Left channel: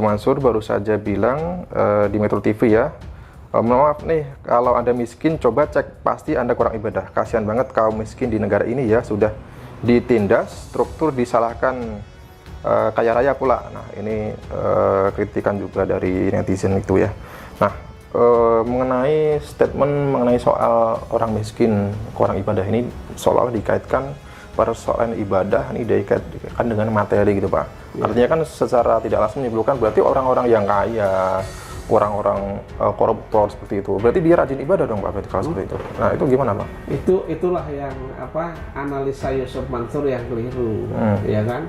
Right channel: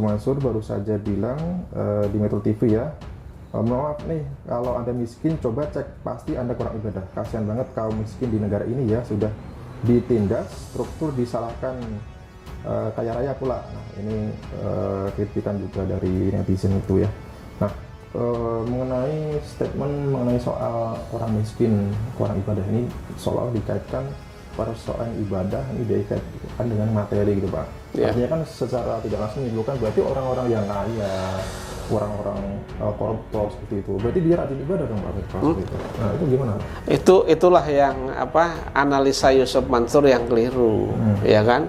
Mansur baru saja bilang di Metro TV ya, maaf nih kalau Anda miskin coba cek, pasti Anda kurang ibadah. Kasihan banget kaum miskin di negara ini ya, sudah ditindas, struktur disalahkan, kaya raya pula. Nah ini kritikan juga dari netizen itu ya. Nah mengenai statement mengenai soal orang miskin kurang ibadah ini seolah-olah dikaitkan persoalan ibadah ini dikaitkan dengan materi gitu Pak. Ya. Artinya kan secara tidak langsung menimbulkan berarti orang-orang yang kaya, orang-orang koruptor seperti itu. Berarti dia rajin ibadah dong Pak kalau seperti itu. Nah itu gimana Pak? Itulah yang analisa Yusuf Mansur yang keliru, ya kan?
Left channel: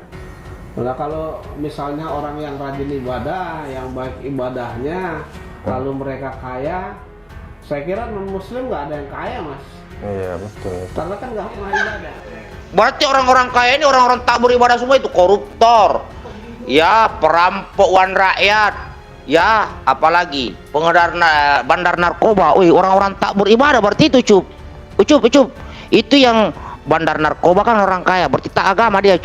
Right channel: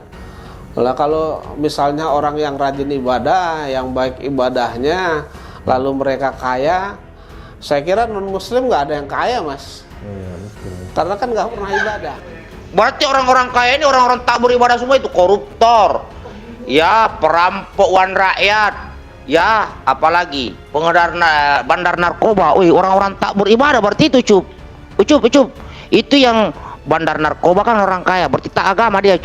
Nah, kalau misalnya orang yang rajin ibadah, yang baik ibadahnya, lalu mereka kaya, saya kira non Muslim nggak ada yang kaya Mas. Iya betul. Karena kan nggak pernah ibadah. Berarti orang-orang kaya ini orang-orang tak beribadah semua itu koruptor, ya perampok uang rakyat, ya apalagi pengedar bandar narkoba. Wih, orang-orang tak beribadah berarti itu Ucup. Itu yang bandar narkoba kan orang kaya, berarti tak agama dia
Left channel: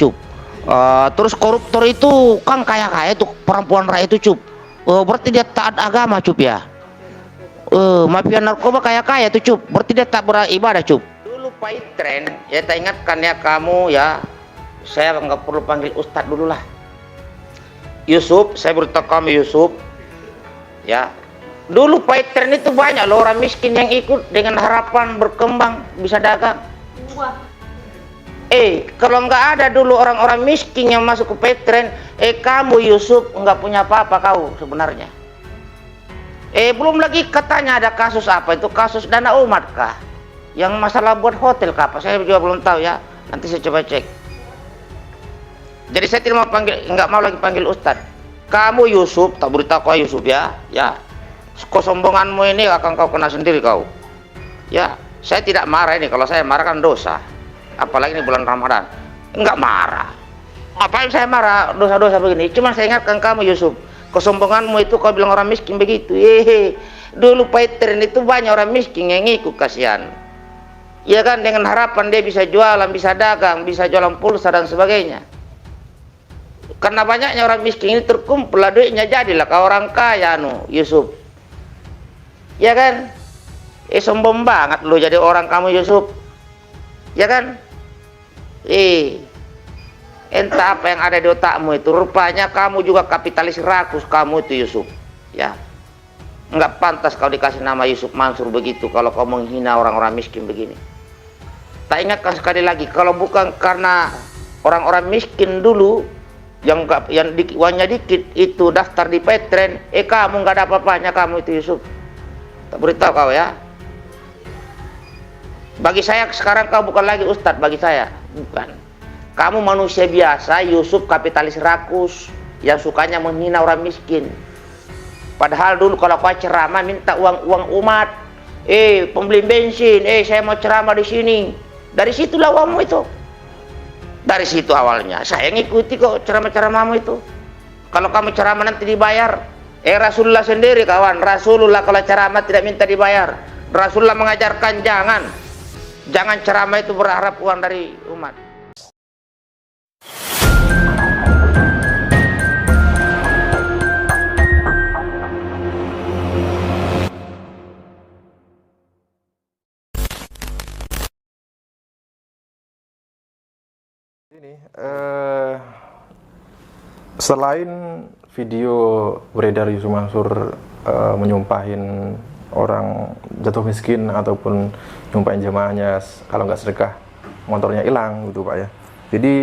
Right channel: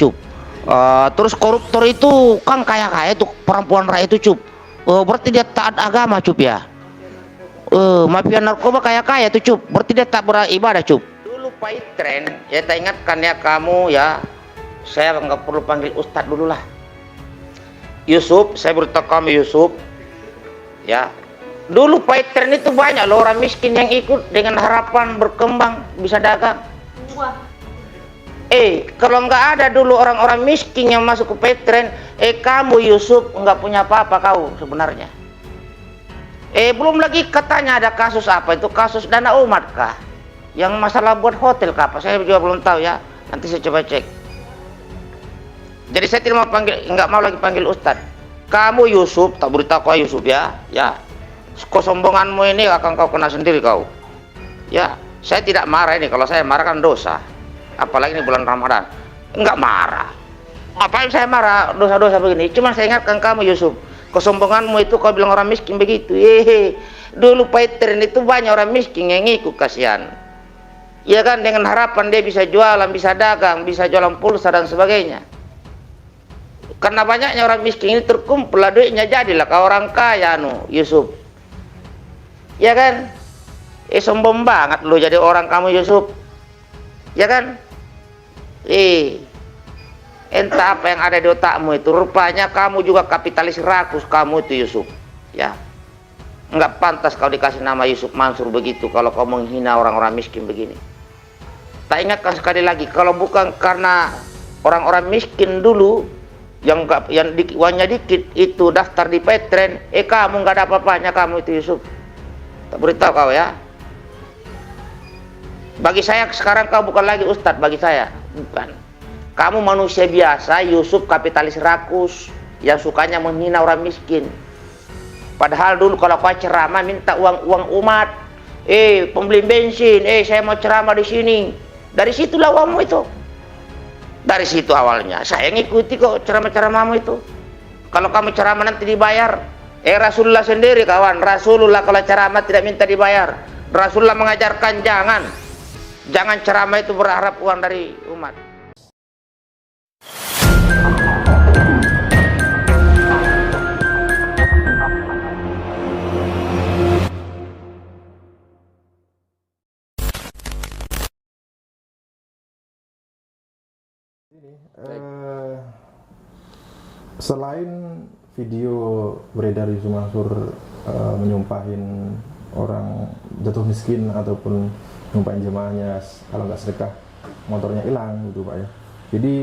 terus koruptor itu kan kaya-kaya itu perempuan rakyat itu berarti dia taat agama ya. Mafia narkoba kaya-kaya itu berarti dia tak beribadah Dulu Pak Tren, ya tak ingatkan ya kamu ya, saya nggak perlu panggil Ustadz dulu lah. Yusuf, saya beritahu kamu Yusuf, ya. Dulu Pak Tren itu banyak loh orang miskin yang ikut dengan harapan berkembang bisa dagang. Kalau nggak ada dulu orang-orang miskin yang masuk ke Petren, kamu Yusuf nggak punya apa-apa kau sebenarnya. Belum lagi katanya ada kasus apa itu, kasus dana umat kah? Yang masalah buat hotel kah? Saya juga belum tahu ya. Nanti saya coba cek. Jadi saya tidak mau nggak mau lagi panggil Ustadz. Kamu Yusuf, tak beritahu kau Yusuf ya. Ya, kesombonganmu ini akan kau kena sendiri kau. Ya, saya tidak marah ini. Kalau saya marah kan dosa. Apalagi ini bulan Ramadan. Enggak marah. Ngapain saya marah dosa-dosa begini? Cuman saya ingatkan kamu Yusuf, kesombonganmu itu kau bilang orang miskin begitu. Dulu Petren itu banyak orang miskin yang ngikut, kasihan. Ya kan, dengan harapan dia bisa jualan, bisa dagang, bisa jualan pulsa dan sebagainya. Karena banyaknya orang miskin ini terkumpul lah duitnya, jadilah kau orang kaya Yusuf. Ya kan? Sombong banget lu jadi orang kamu Yusuf. Ya kan? Entah apa yang ada di otakmu itu. Rupanya kamu juga kapitalis rakus kamu itu Yusuf. Ya, nggak pantas kau dikasih nama Yusuf Mansur begitu kalau kau menghina orang-orang miskin begini. Tak ingatkan sekali lagi, kalau bukan karena orang-orang miskin dulu yang uangnya dikit itu daftar di Petren, kamu nggak ada apa-apanya kamu itu Yusuf. Tak beritahu kau ya. Bagi saya sekarang kau bukan lagi Ustadz bagi saya, bukan. Kamu manusia biasa, Yusuf kapitalis rakus yang sukanya menghina orang miskin. Padahal dulu kalau kau ceramah minta uang umat, pembeli bensin, saya mau ceramah di sini. Dari situlah uangmu itu. Dari situ awalnya. Saya ngikuti kok ceramah-ceramahmu itu. Kalau kamu ceramah nanti dibayar. Rasulullah sendiri kawan, Rasulullah kalau ceramah tidak minta dibayar. Rasulullah mengajarkan jangan ceramah itu berharap uang dari umat. Ini selain video beredar Yusuf Mansur menyumpahin orang jatuh miskin ataupun nyumpahin jemaahnya kalau nggak sedekah motornya hilang gitu Pak ya. Jadi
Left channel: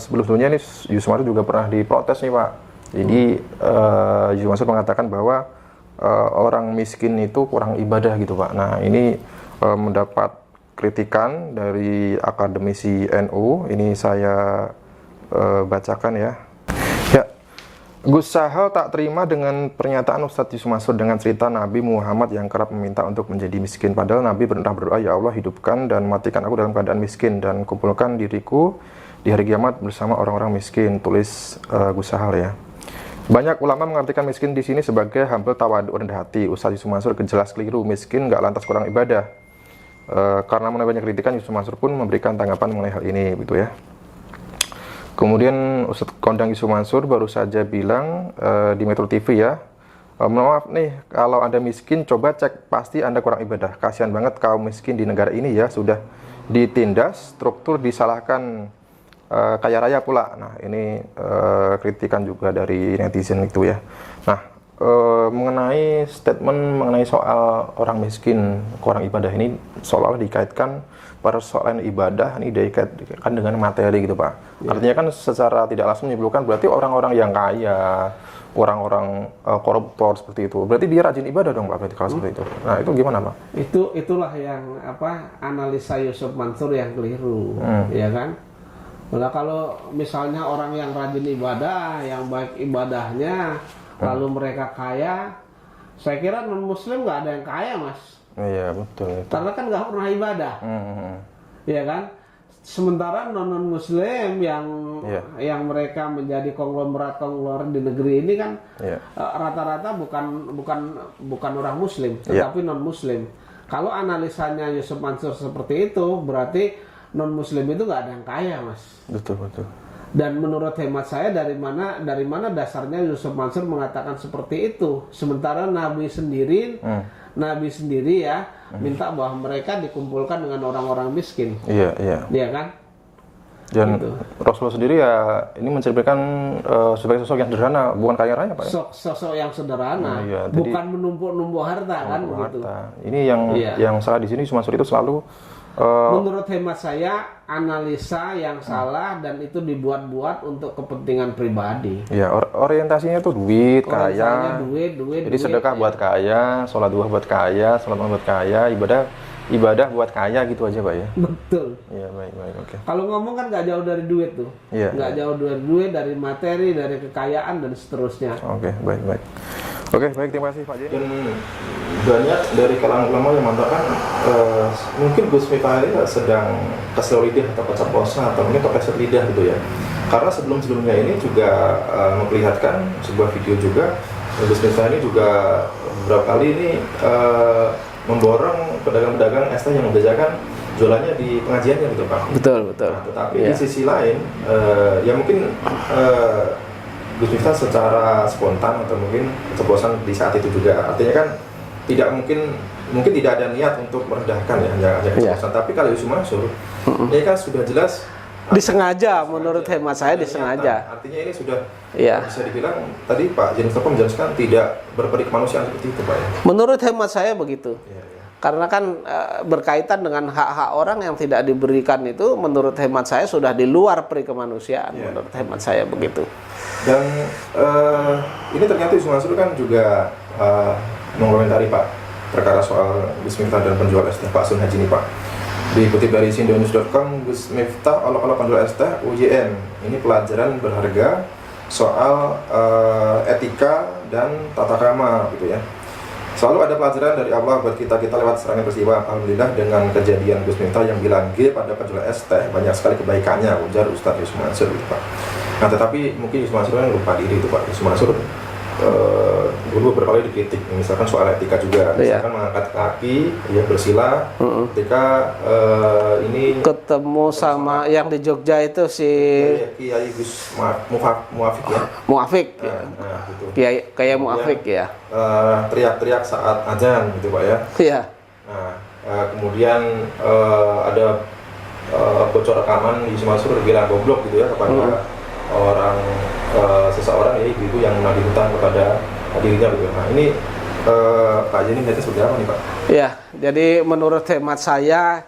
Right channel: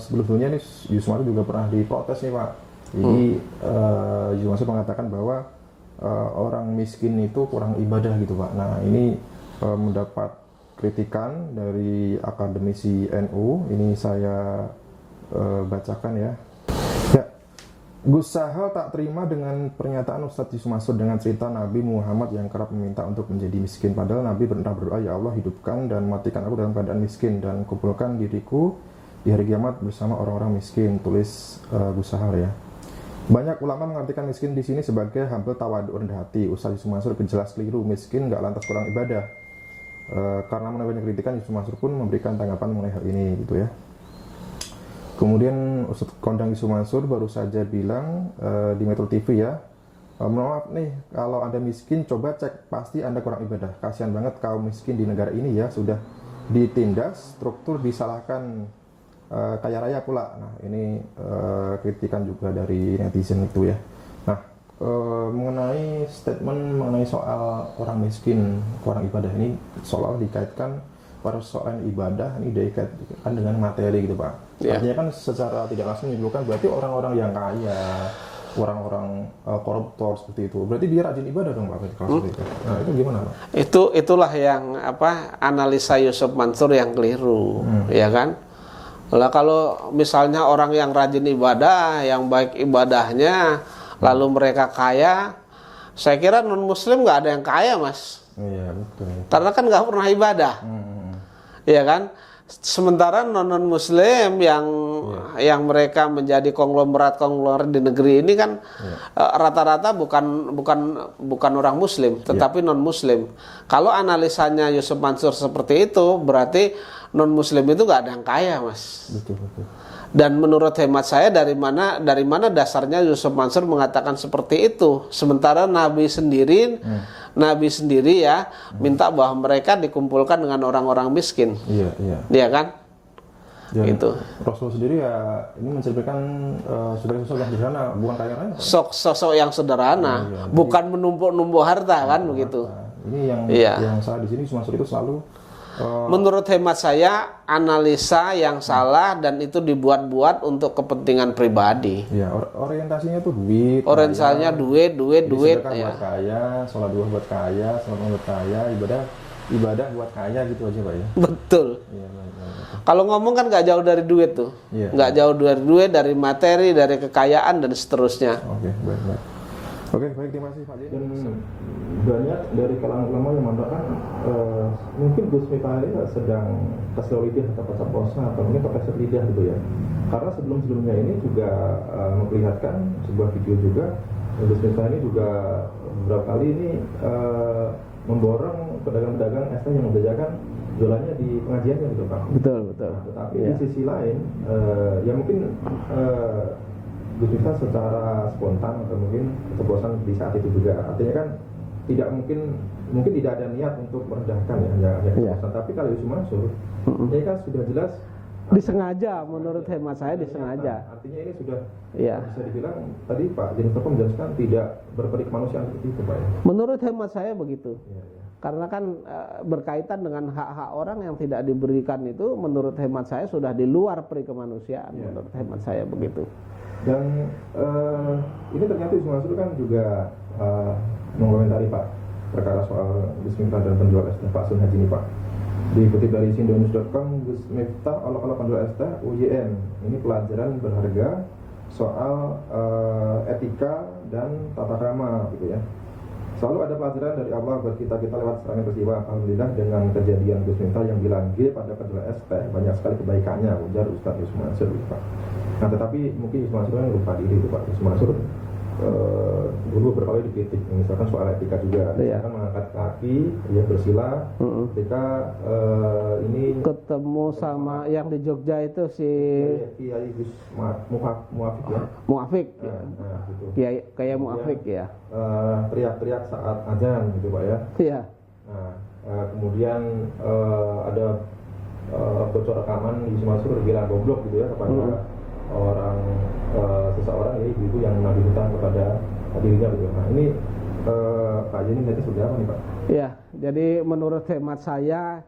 sebelumnya nih Yusuf Mansur juga pernah diprotes nih Pak. Jadi Yusuf Mansur mengatakan bahwa orang miskin itu kurang ibadah gitu Pak. Nah ini mendapat kritikan dari akademisi NU. Ini saya bacakan ya. Gus Sahal tak terima dengan pernyataan Ustadz Yusuf Mansur dengan cerita Nabi Muhammad yang kerap meminta untuk menjadi miskin. Padahal Nabi pernah berdoa, ya Allah hidupkan dan matikan aku dalam keadaan miskin dan kumpulkan diriku di hari kiamat bersama orang-orang miskin. Tulis Gus Sahal ya. Banyak ulama mengartikan miskin di sini sebagai humble tawadu rendah hati. Ustadz Yusuf Mansur jelas keliru. Miskin nggak lantas kurang ibadah. Karena mengenai banyak kritikan, Yusuf Mansur pun memberikan tanggapan mengenai hal ini, gitu ya. Kemudian Ustadz Kondang Yusuf Mansur baru saja bilang di Metro TV ya, maaf nih kalau Anda miskin coba cek pasti Anda kurang ibadah. Kasihan banget kaum miskin di negara ini ya, sudah ditindas, struktur disalahkan, kaya raya pula. Nah ini kritikan juga dari netizen itu ya. Nah mengenai statement mengenai soal orang miskin kurang ibadah ini seolah-olah dikaitkan persoalan ibadah ini dikaitkan dengan materi gitu Pak. Artinya kan secara tidak langsung menyimpulkan berarti orang-orang yang kaya, orang-orang koruptor seperti itu, berarti dia rajin ibadah dong Pak kalau seperti itu. Nah itu gimana Pak? Itulah yang analisa Yusuf Mansur yang keliru, ya kan? Lah kalau misalnya orang yang rajin ibadah, yang baik ibadahnya, lalu mereka kaya, saya kira non Muslim nggak ada yang kaya Mas. Iya betul. Karena kan nggak pernah ibadah, ya kan? Sementara non Muslim yang mereka menjadi konglomerat di negeri ini kan rata-rata bukan orang Muslim, tetapi non Muslim. Kalau analisanya Yusuf Mansur seperti itu, berarti non Muslim itu nggak ada yang kaya Mas. Betul betul. Dan menurut hemat saya dari mana dasarnya Yusuf Mansur mengatakan seperti itu, sementara Nabi sendiri ya minta bahwa mereka dikumpulkan dengan orang-orang miskin. Iya kan? Dan gitu. Rasulullah sendiri ya ini mencerminkan sebagai sosok yang sederhana, bukan kaya raya Pak. Sosok yang sederhana, bukan menumpuk-numpuk harta kan begitu. Ini yang salah di sini Yusuf Mansur itu selalu menurut hemat saya analisa yang salah dan itu dibuat-buat untuk kepentingan pribadi. Ya, orientasinya tuh duit, orientasinya kaya. duit. Sedekah buat kaya, sholat duha buat kaya, sholat buat kaya, ibadah buat kaya gitu aja Pak ya. Betul. Iya baik. Okay. Kalau ngomong kan nggak jauh dari duit tuh, nggak jauh dari duit, dari materi, dari kekayaan dan seterusnya. Oke, baik. Oke, baik, terima kasih Pak Jen. Dan banyak dari kalangan ulama yang mengatakan mungkin Gus Miftah ini sedang kasih lidah atau keceplosan atau mungkin kepleset lidah gitu ya. Karena sebelumnya ini juga memperlihatkan sebuah video juga Gus Miftah ini juga beberapa kali ini memborong pedagang-pedagang es teh yang membedakan jualannya di pengajiannya gitu Pak. Betul. Nah, tetapi di sisi lain ya mungkin Gus Miftah secara spontan atau mungkin keceplosan di saat itu juga, artinya kan tidak mungkin tidak ada niat untuk merendahkan ya, hanya keceplosan. Tapi kalau Yusuf Mansur ini kan sudah jelas disengaja, menurut hemat saya disengaja. Artinya ini sudah bisa dibilang tadi Pak Jen Mustafa menjelaskan tidak berperi kemanusiaan seperti itu Pak ya. Menurut hemat saya begitu. Karena kan berkaitan dengan hak-hak orang yang tidak diberikan itu, menurut hemat saya sudah di luar peri kemanusiaan. Menurut hemat saya begitu. Dan ini ternyata Yusuf Mansur kan juga mengomentari Pak perkara soal Gus Miftah dan penjual es teh Pak Sun Haji ini Pak. Dikutip dari sindonews.com, Gus Miftah olok-olok penjual es teh UJM. Ini pelajaran berharga soal etika dan tata krama gitu ya. Selalu ada pelajaran dari Allah buat kita lewat serangan peristiwa. Alhamdulillah dengan kejadian Gus Miftah yang bilang G pada penjual es teh banyak sekali kebaikannya, ujar Ustadz Yusuf Mansur gitu Pak. Nah tetapi mungkin Yusuf Mansur kan lupa diri itu Pak. Yusuf Mansur dulu beberapa kali dikritik, misalkan soal etika juga, misalkan mengangkat kaki, ya bersila, ketika ini ketemu sama yang di Jogja itu si Kiai Gus Muafik ya. Muafik, gitu. Kiai Muafik ya. Teriak-teriak saat azan gitu Pak ya. Iya. Nah kemudian ada bocor rekaman Yusuf Mansur bilang goblok gitu ya kepada seseorang ya ibu yang menagih hutang kepada dirinya gitu. Nah ini Pak Jeni melihatnya seperti apa nih Pak? Ya, jadi menurut hemat saya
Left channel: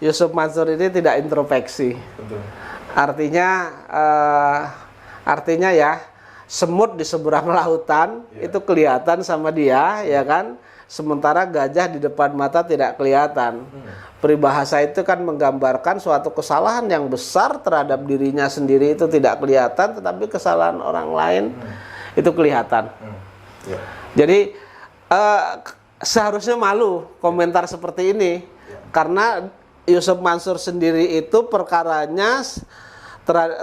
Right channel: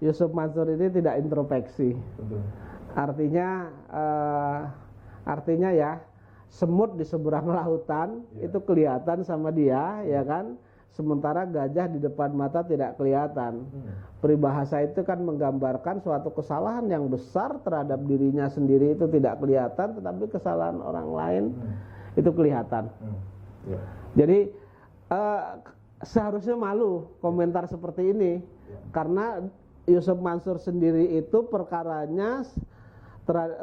Yusuf Mansur ini tidak introspeksi. Betul. Artinya ya semut di seberang lautan itu kelihatan sama dia ya kan. Sementara gajah di depan mata tidak kelihatan. Peribahasa itu kan menggambarkan suatu kesalahan yang besar terhadap dirinya sendiri itu tidak kelihatan, tetapi kesalahan orang lain itu kelihatan. Jadi seharusnya malu komentar seperti ini, karena Yusuf Mansur sendiri itu perkaranya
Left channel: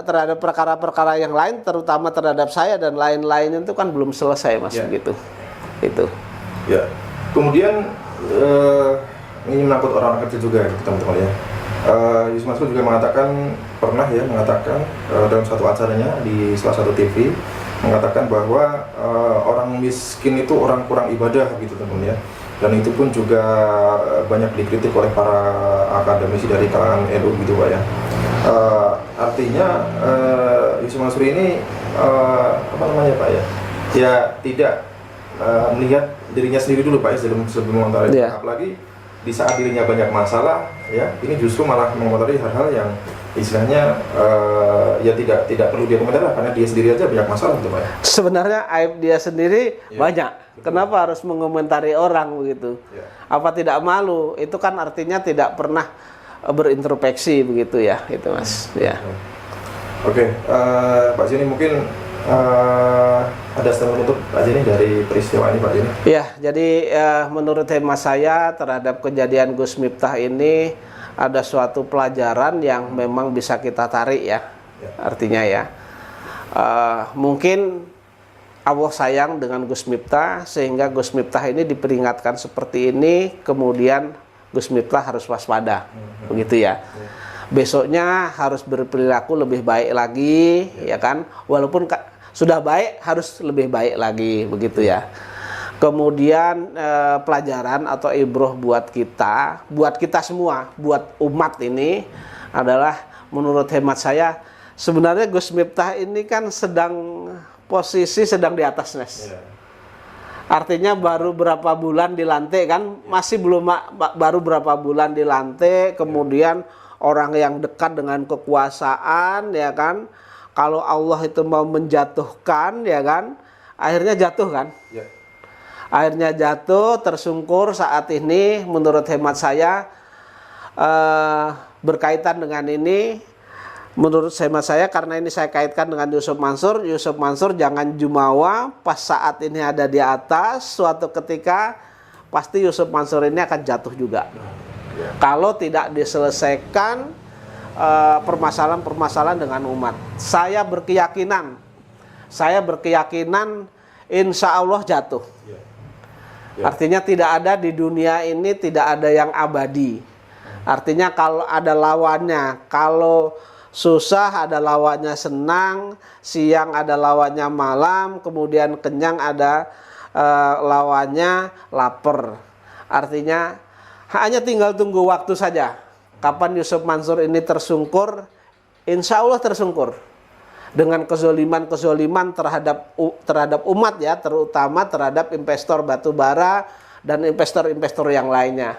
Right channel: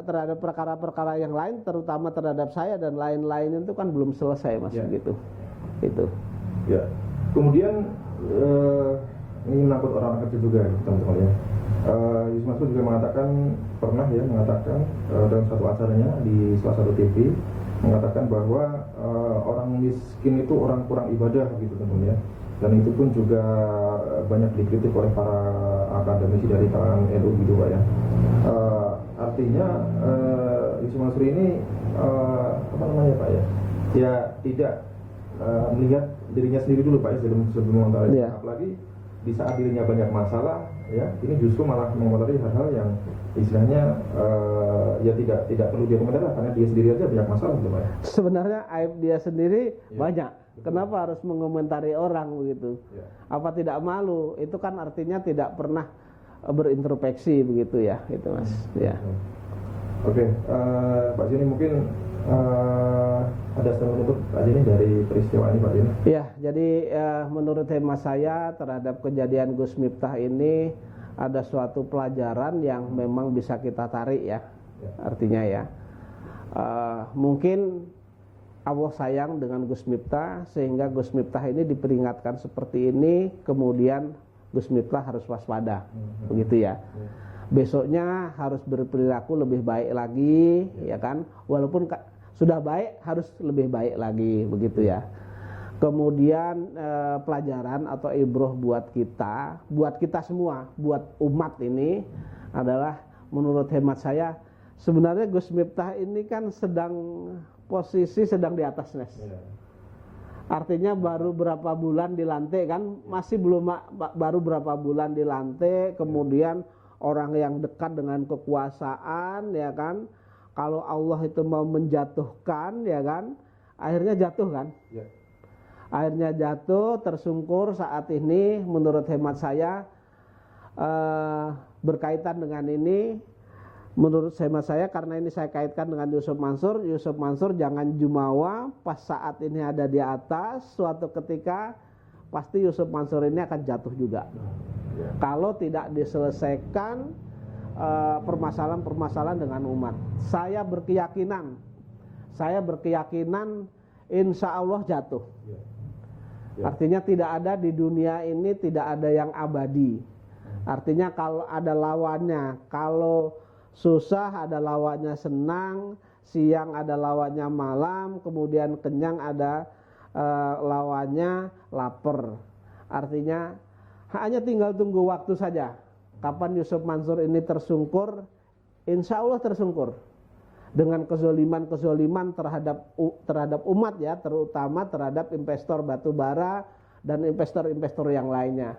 terhadap perkara-perkara yang lain, terutama terhadap saya dan lain-lain itu kan belum selesai Mas begitu. Itu. Ya. Kemudian ini menakut orang-orang kecil juga teman-teman ya. Yusuf Mansur juga pernah mengatakan dalam satu acaranya di salah satu TV, mengatakan bahwa orang miskin itu orang kurang ibadah gitu teman-teman ya. Dan itu pun juga banyak dikritik oleh para akademisi dari kalangan NU gitu Pak ya. Artinya Yusuf Mansur ini apa namanya Pak ya? Ya tidak melihat dirinya sendiri dulu Pak ya, sebelum mengomentari. Apalagi di saat dirinya banyak masalah ya, ini justru malah mengomentari hal-hal yang istilahnya ya tidak perlu dia komentari karena dia sendiri aja banyak masalah gitu Pak ya. Sebenarnya aib dia sendiri banyak. Kenapa harus mengomentari orang begitu? Apa tidak malu? Itu kan artinya tidak pernah berintrospeksi begitu ya, itu Mas. Ya. Oke, Pak Jeni mungkin ada statement untuk Pak Jeni dari peristiwa ini Pak Jeni? Ya, jadi menurut hemat saya terhadap kejadian Gus Miftah ini ada suatu pelajaran yang memang bisa kita tarik ya. Artinya ya, mungkin Allah sayang dengan Gus Miftah sehingga Gus Miftah ini diperingatkan seperti ini, kemudian Gus Miftah harus waspada, begitu ya. Besoknya harus berperilaku lebih baik lagi, ya kan? Walaupun sudah baik harus lebih baik lagi, begitu ya. Kemudian pelajaran atau ibroh buat kita semua, buat umat ini adalah menurut hemat saya sebenarnya Gus Miftah ini kan posisi sedang di atas Nes. Artinya baru berapa bulan dilantik kan, masih belum baru berapa bulan dilantik, kemudian orang yang dekat dengan kekuasaan ya kan, kalau Allah itu mau menjatuhkan ya kan, akhirnya jatuh kan. Akhirnya jatuh, tersungkur saat ini menurut hemat saya berkaitan dengan ini. Menurut hemat saya karena ini saya kaitkan dengan Yusuf Mansur jangan jumawa pas saat ini ada di atas, suatu ketika pasti Yusuf Mansur ini akan jatuh juga. Kalau tidak diselesaikan permasalahan-permasalahan dengan umat. Saya berkeyakinan insya Allah jatuh. Artinya tidak ada di dunia ini tidak ada yang abadi. Artinya kalau ada lawannya, kalau susah ada lawannya senang, siang ada lawannya malam, kemudian kenyang ada lawannya lapar. Artinya hanya tinggal tunggu waktu saja. Kapan Yusuf Mansur ini tersungkur, insya Allah tersungkur. Dengan kezoliman terhadap umat ya, terutama terhadap investor batubara dan investor-investor yang lainnya.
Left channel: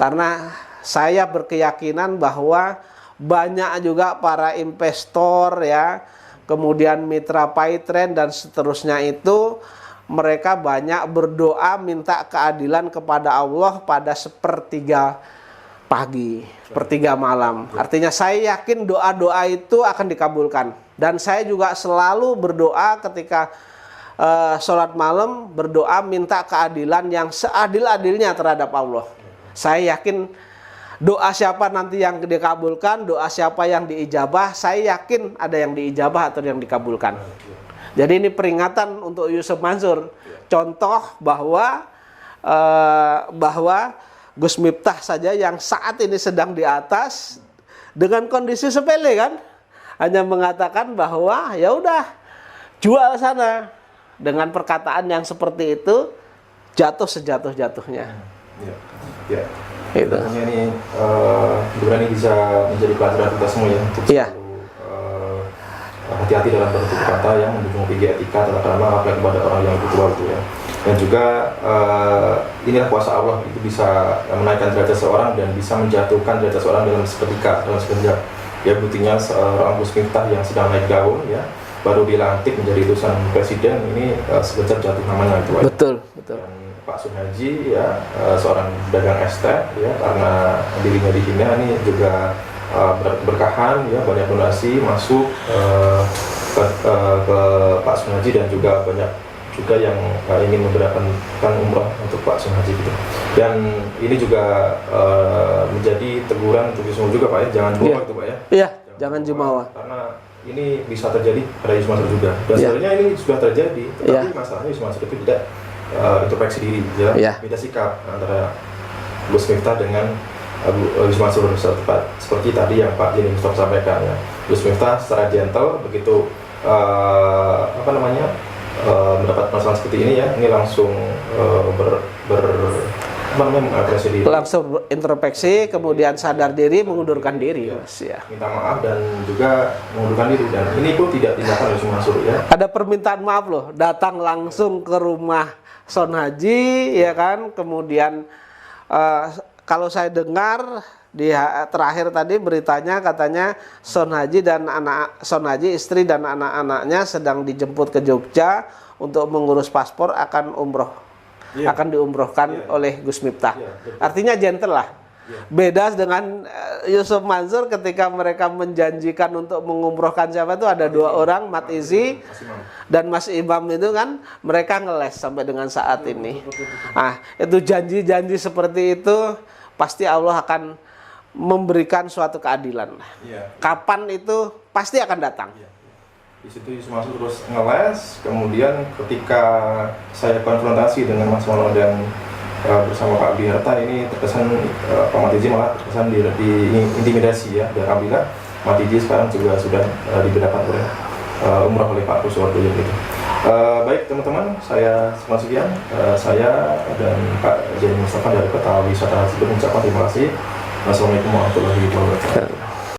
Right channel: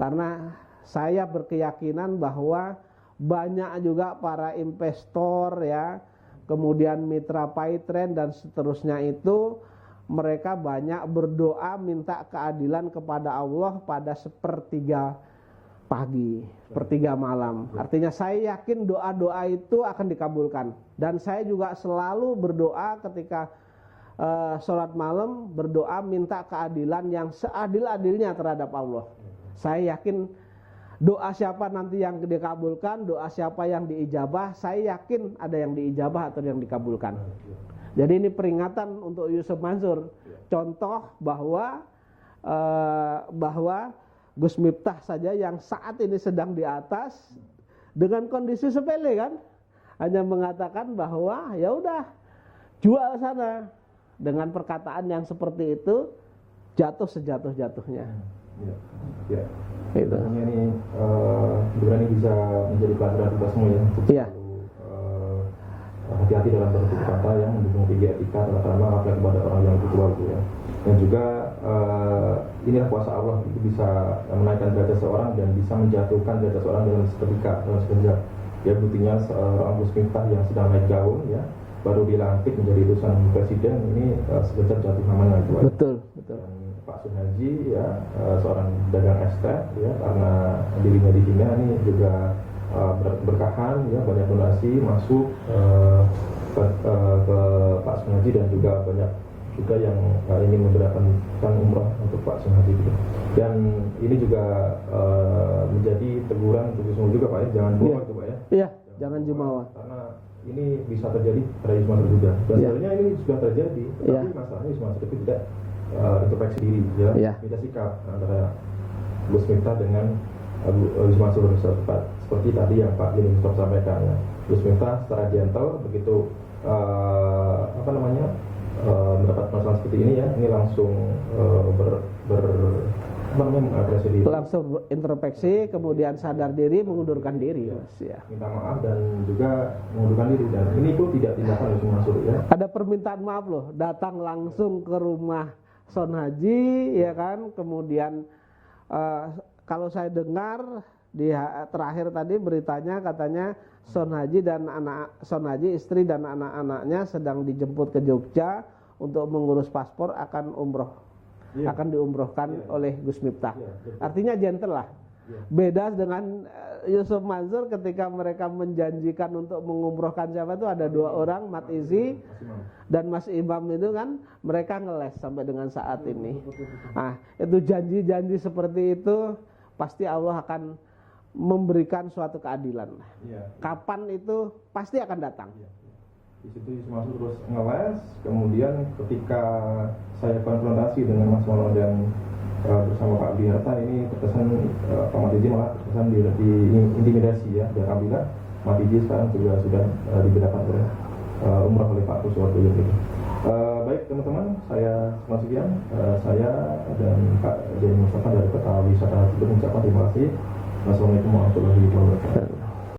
Karena saya berkeyakinan bahwa banyak juga para investor ya, kemudian mitra Paytren dan seterusnya itu mereka banyak berdoa minta keadilan kepada Allah pada sepertiga pagi, sepertiga malam. Artinya saya yakin doa-doa itu akan dikabulkan. Dan saya juga selalu berdoa ketika sholat malam, berdoa minta keadilan yang seadil-adilnya terhadap Allah. Saya yakin doa siapa nanti yang dikabulkan, doa siapa yang diijabah, saya yakin ada yang diijabah atau yang dikabulkan. Jadi ini peringatan untuk Yusuf Mansur. Contoh bahwa Gus Miftah saja yang saat ini sedang di atas dengan kondisi sepele kan, hanya mengatakan bahwa ya udah jual sana. Dengan perkataan yang seperti itu jatuh sejatuh-jatuhnya. Itu ini ini bisa menjadi pelajaran kita semua ya untuk selalu hati-hati dalam bertutur kata yang mendukung tinggi etika tata krama apalagi kepada orang yang lebih tua itu ya. Dan juga inilah kuasa Allah, itu bisa menaikkan derajat seorang dan bisa menjatuhkan derajat seorang dalam seketika, dalam sekejap. Ya buktinya seorang Gus Miftah yang sedang naik daun ya, baru dilantik menjadi utusan presiden, ini sekejap jatuh namanya itu. Betul. Dan Pak Sunhaji ya seorang dagang estet ya, karena dirinya dihina ini juga berkahan ya, banyak donasi masuk ke Pak Sunhaji dan juga banyak juga yang ingin memberikan umrah untuk Pak Sunhaji gitu. Dan ini juga menjadi teguran untuk Yusuf juga Pak ya, jangan jumawa itu Pak ya. Iya, jangan jumawa. Karena ini bisa terjadi pada Yusuf Mansur juga. Dan sebenarnya ini sudah terjadi, tetapi masalahnya Yusuf Mansur itu tidak introspeksi diri ya, beda sikap antara Gus Miftah dengan Gus Mansur seperti tadi yang Pak Jeni Mustafa sampaikan ya. Gus Miftah secara gentle begitu mendapat masalah seperti ini ya, ini langsung mengapresiasi diri, langsung introspeksi, kemudian sadar diri, mengundurkan diri, Mas, ya. minta maaf dan juga mengundurkan diri, dan ini pun tidak tindakan Gus Mansur ya. Ada permintaan maaf loh, datang langsung ke rumah Son Haji, ya kan, kemudian kalau saya dengar di terakhir tadi beritanya katanya Son Haji istri dan anak-anaknya sedang dijemput ke Jogja untuk mengurus paspor, akan umroh, akan diumrohkan oleh Gus Miftah. Artinya gentle lah. Beda dengan Yusuf Mansur ketika mereka menjanjikan untuk mengumrohkan siapa itu ada 2 orang, Mat Izi dan Mas Imam itu kan mereka ngeles sampai dengan saat ini. Ah, itu janji-janji seperti itu pasti Allah akan memberikan suatu keadilan. Kapan itu pasti akan datang. Di situ Yusuf Mansur terus ngeles, kemudian ketika saya konfrontasi dengan Mas Mono dan bersama Pak Biharta, ini terkesan Pak Matiji malah terkesan diintimidasi ya, dan alhamdulillah Matiji sekarang juga sudah dibedakan oleh umrah oleh Pak Kuswardo gitu. Baik teman-teman, saya sekian, saya dan Pak Jeni Mustafa dari Kota Wisata Cirebon mengucapkan terima kasih. Wassalamualaikum warahmatullahi wabarakatuh.